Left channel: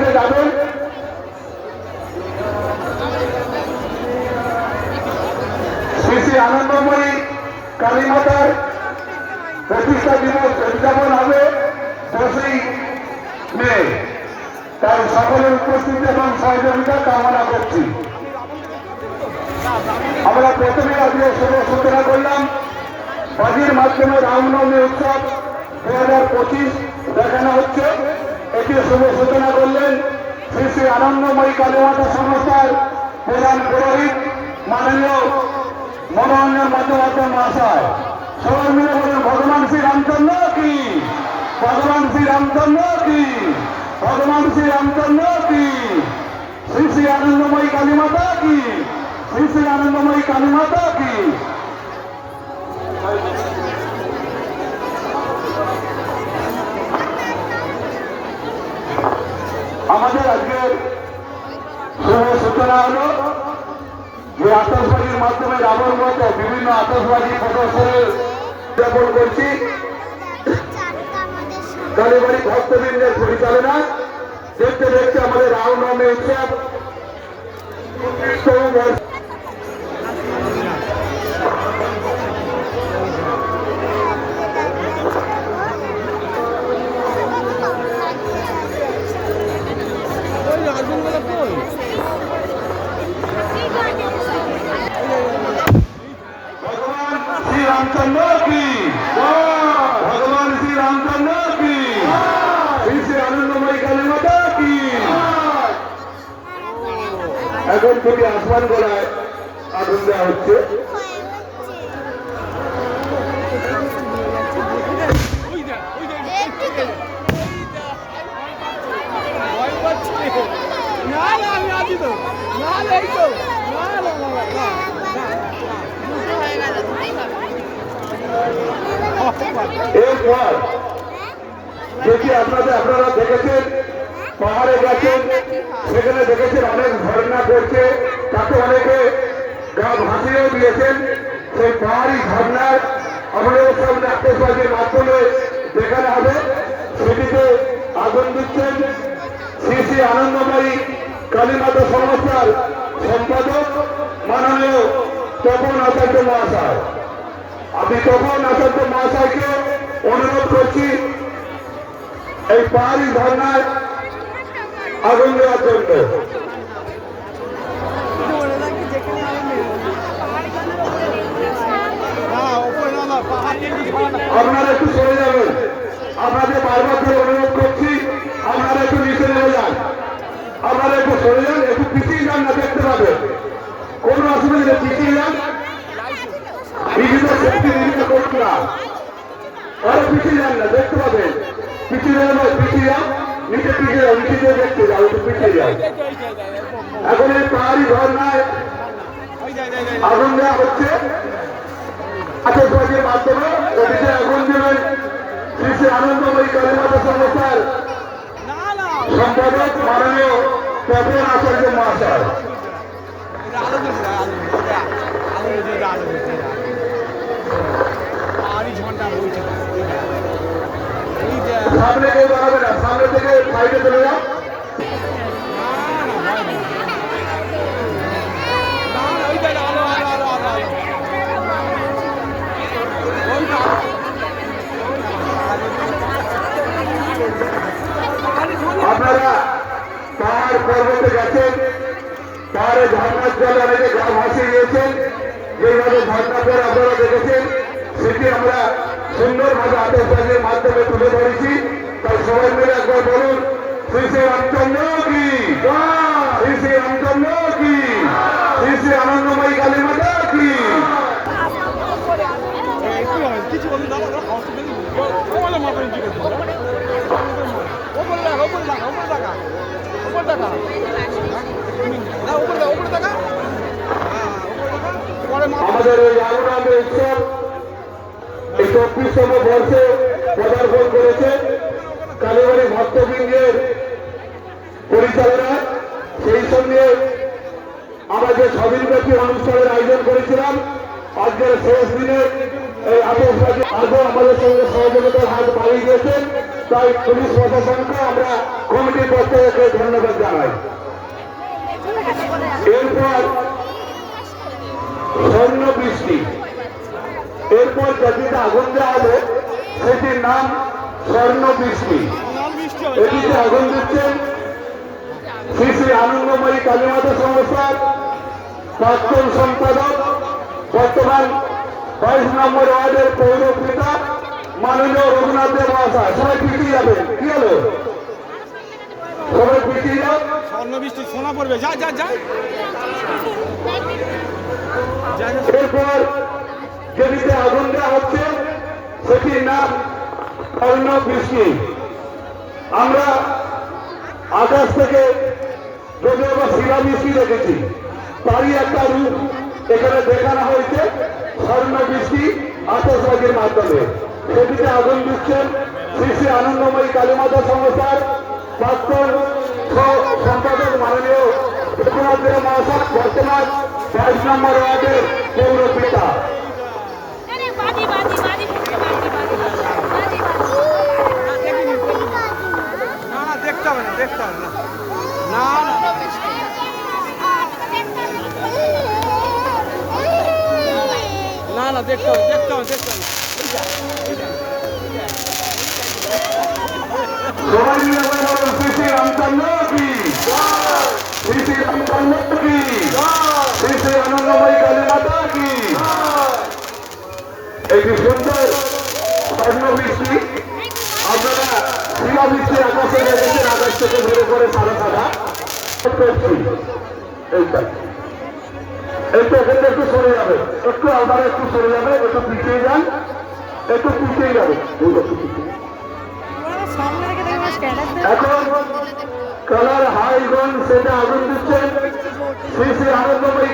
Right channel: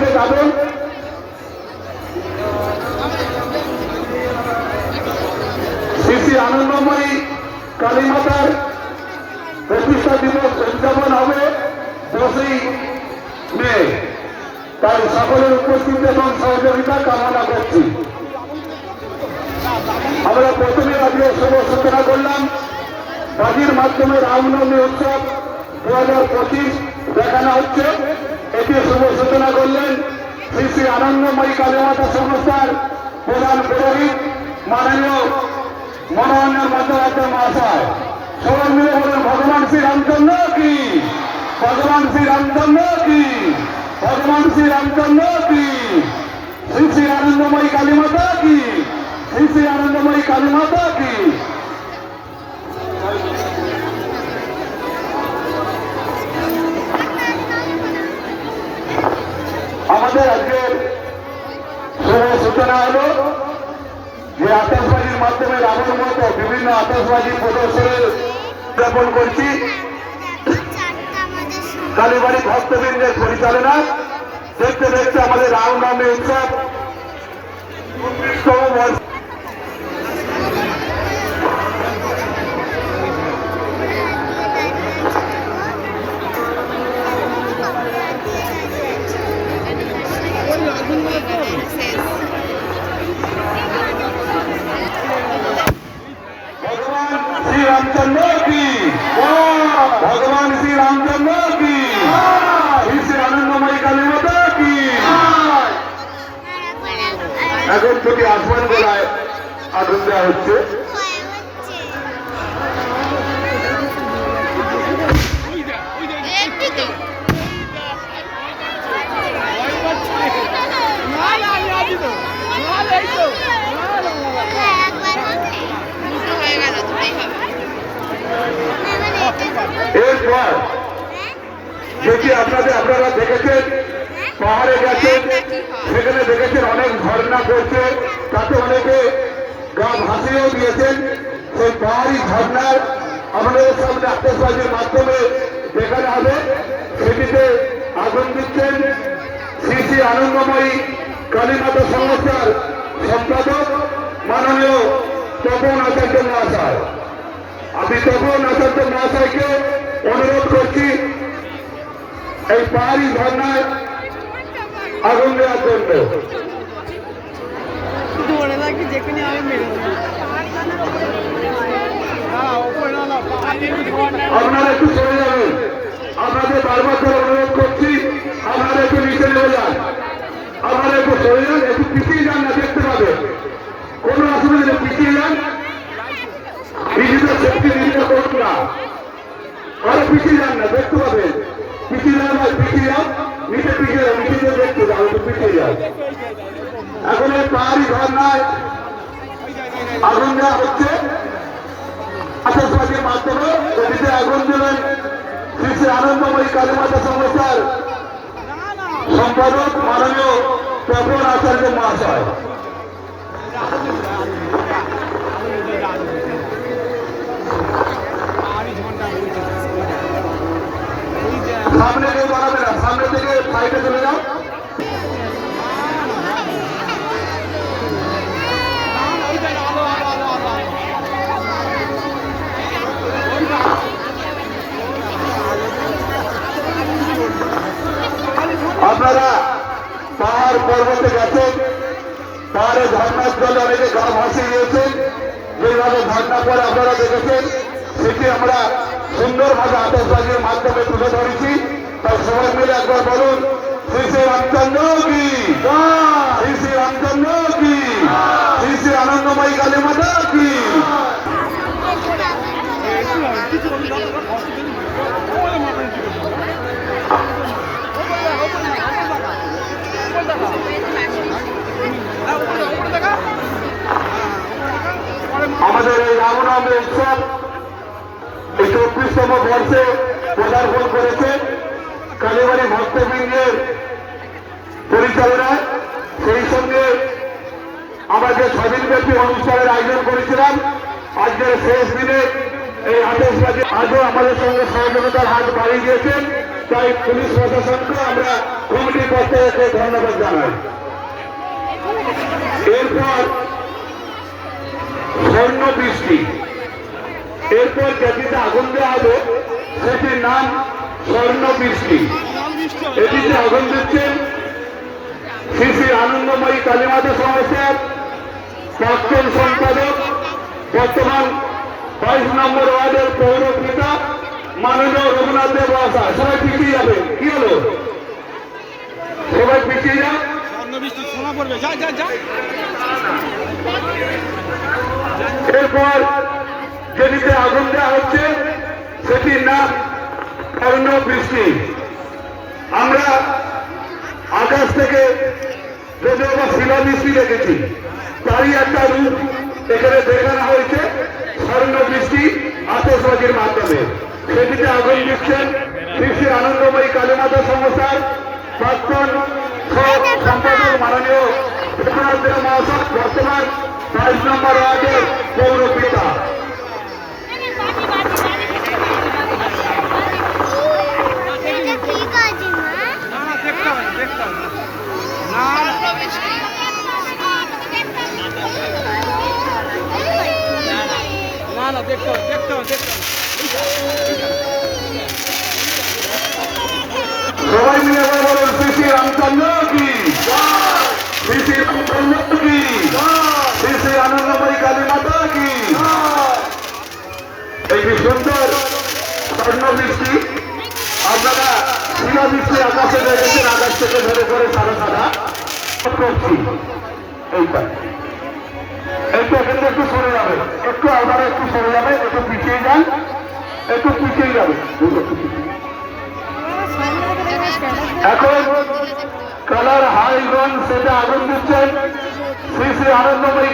দিকে যাবেন। শ্রী শ্রী আনন্দময়ী কালীমাতার প্রতিষ্ঠা দিবস উদযাপন হবে 10ই মে। তাই সকলের উপস্থিতি এবং সহযোগিতা কামনা করছি। আমরা প্রথমে আজকে শুভ সূচনা করলাম বাজির মাধ্যমে রামনবমী উৎসব 2025 দেখানো হচ্ছে। এটি শুভ সূচনা করলেন শ্রী শ্রী আনন্দময়ী কালীমাতা সংস্থার প্রধান পুরোহিত মাননীয় মনোরঞ্জন বন্দ্যোপাধ্যায় মহাশয়। সবাই মিলে বলেন ভগবান শ্রী রামচন্দ্র কি, ভগবান শ্রী রামচন্দ্র কি, ভগবান শ্রী রামচন্দ্র কি, শ্রী শ্রী আনন্দময়ী কালীমাতা কি, শ্রী শ্রী আনন্দময়ী কালীমাতা কি। আমাদের আজকের শুভ সূচনা হলো যে আতশবাজির মাধ্যমে রাবণ মতো বিভিন্ন আতশবাজি প্রদর্শনের উদযাপন করছি কালীবাড়ি ভক্তবৃন্দের পরিচালনায়। দেখতে দেখতে আমাদের রামনবমী উৎসব श्री रामचंद्र की, भगवान श्री रामचंद्र की, श्री श्री आनंदमयी काली माता की। এখন যদি আসমান গোলায় আগুন দেওয়া হচ্ছে। এরপর যেটি আপনারা দেখেছেন পাহাড়ে গেছেন, সেখানে দেখেছেন অনেক ঝর্ণা করছে, তাতে অনেকে গা ভাসিয়েও দিয়েছেন। সেই পাহাড়ি ঝর্ণার আমাদের সব আতশবাজির মাধ্যমে দেখানো হবে। সেটিতে আগুন দিচ্ছেন শ্রী শ্রী আনন্দময়ী কালীমাতা সংস্থার সম্পাদক মাননীয় তপন আচার্য মহাশয়। আমি তপন আচার্য মহাশয়কে অনুরোধ করছি এই পাহাড়ি ঝর্ণায় আগুন দেওয়ার জন্য। আপনারা একটু চলে যাবেন, আপনাদের বারবার ধরে অনুরোধ করছি আপনারা একটু নিচে নেমে যান, আপনারা একটু সরে যান, একটু পিছিয়ে যান না, দেখতে পাবেন কোনো অসুবিধা নেই, পিছিয়ে যান। বিভিন্ন সেফটি বিভিন্ন কর্মীরা আরো পিছিয়ে যান না, দেখতে পাবেন। পিছিয়ে যান, পিছিয়ে যান, নিচে পিছিয়ে যান, নিচে দিয়ে দেখতে যাও, একটু পিছিয়ে যাও। এখন এই পাহাড়ি ঝর্ণায় আগুন দেওয়া হচ্ছে আতশবাজির মাধ্যমে। এটিতে আগুন দেবেন শ্রী শ্রী আনন্দময়ী কালীমাতা সংস্থার সম্পাদক মাননীয় তপন আচার্য মহাশয়। সামনে কেউ দাঁড়াবে না, সামনে থেকে সাইডে চলে যাও। আপনারা পাহাড় পর্বতে গেছেন, পাহাড়ে ঝর্ণার জল অনেকে গা ভাসিয়ে গিয়েছেন, যেভাবে ঝর্ণা করে আপনারা দেখেছেন সেটি আমরা সুন্দরভাবে আতশবাজির মাধ্যমে তুলে ধরেছি। তাই সবাই মিলে একবার বলুন শ্রী শ্রী রামচন্দ্র কি, শ্রী শ্রী রামচন্দ্র কি, শ্রী শ্রী আনন্দময়ী কালী মাতা কি। আমাদের এই রামনবমী উৎসব এই 34তম বর্ষে পদার্পণ করেছে কালীবাড়ি ভক্তবৃন্দের পরিচালনায়। সেই সঙ্গে আমরা যে স্বাধীনব্যাপী অনুষ্ঠানের আয়োজন করেছিলাম, আজকের শেষ দিনে এই আতশবাজি আজও আমাদের সঙ্গে সহযোগিতার হাত বাড়িয়ে গিয়েছেন তাই পুলিশ প্রশাসনকে আমরা কমিটির পক্ষ থেকে ধন্যবাদ জানাই। এরপর স্বর্ণ বৃষ্টি, এরপর যেটিতে আগুন দেওয়া হবে সেটির নাম স্বর্ণ বৃষ্টি। এটিতে আগুন দিচ্ছেন শ্রী শ্রী আনন্দময়ী কালীমাতা সংস্থার প্রাক্তন সম্পাদক, বর্তমান 22 নম্বর ওয়ার্ডের পৌর পিতা মাননীয় রঘুনাথ দেব মহাশয়। সবাই পিছিয়ে যাবে, কি হলো? সবাই পিছিয়ে যাও। এরপর যেটিতে আগুন দেওয়া হচ্ছে সেটির নাম স্বর্ণ বৃষ্টি। আমরা আকাশ থেকে যদিও বা শিলাবৃষ্টি দেখেছি, তারই একটা রূপ এখানে দেখানো হয়েছে স্বর্ণ বৃষ্টি আতশবাজির মাধ্যমে। সেটিতে আগুন দিচ্ছেন শ্রী শ্রী আনন্দময়ী কালীমাতা সংস্থার প্রাক্তন সম্পাদক মাননীয় রঘুনাথ দেব মহাশয়, বর্তমান 22 নম্বর ওয়ার্ডের পৌর পিতা। সবাই মিলে বলুন শ্রী শ্রী রামচন্দ্র কি, শ্রী শ্রী রামচন্দ্র কি, শ্রী শ্রী আনন্দময়ী কালী মাতা কি। এই যে সুন্দর স্বর্ণ বৃষ্টি আপনারা শিলাবৃষ্টি আকাশে দেখেছেন, আকাশ থেকে ধরে করে সাদা সাদা করছি। এইটা এইটা এখানে একটু সরে যাবে, একটু আপনারা একটু সরে যাবে, একটু পিছিয়ে যান, একটু পিছিয়ে যাবে। এখন কালার হাইগঞ্জ সেটা আগুন দিচ্ছেন শ্রী শ্রী আনন্দময়ী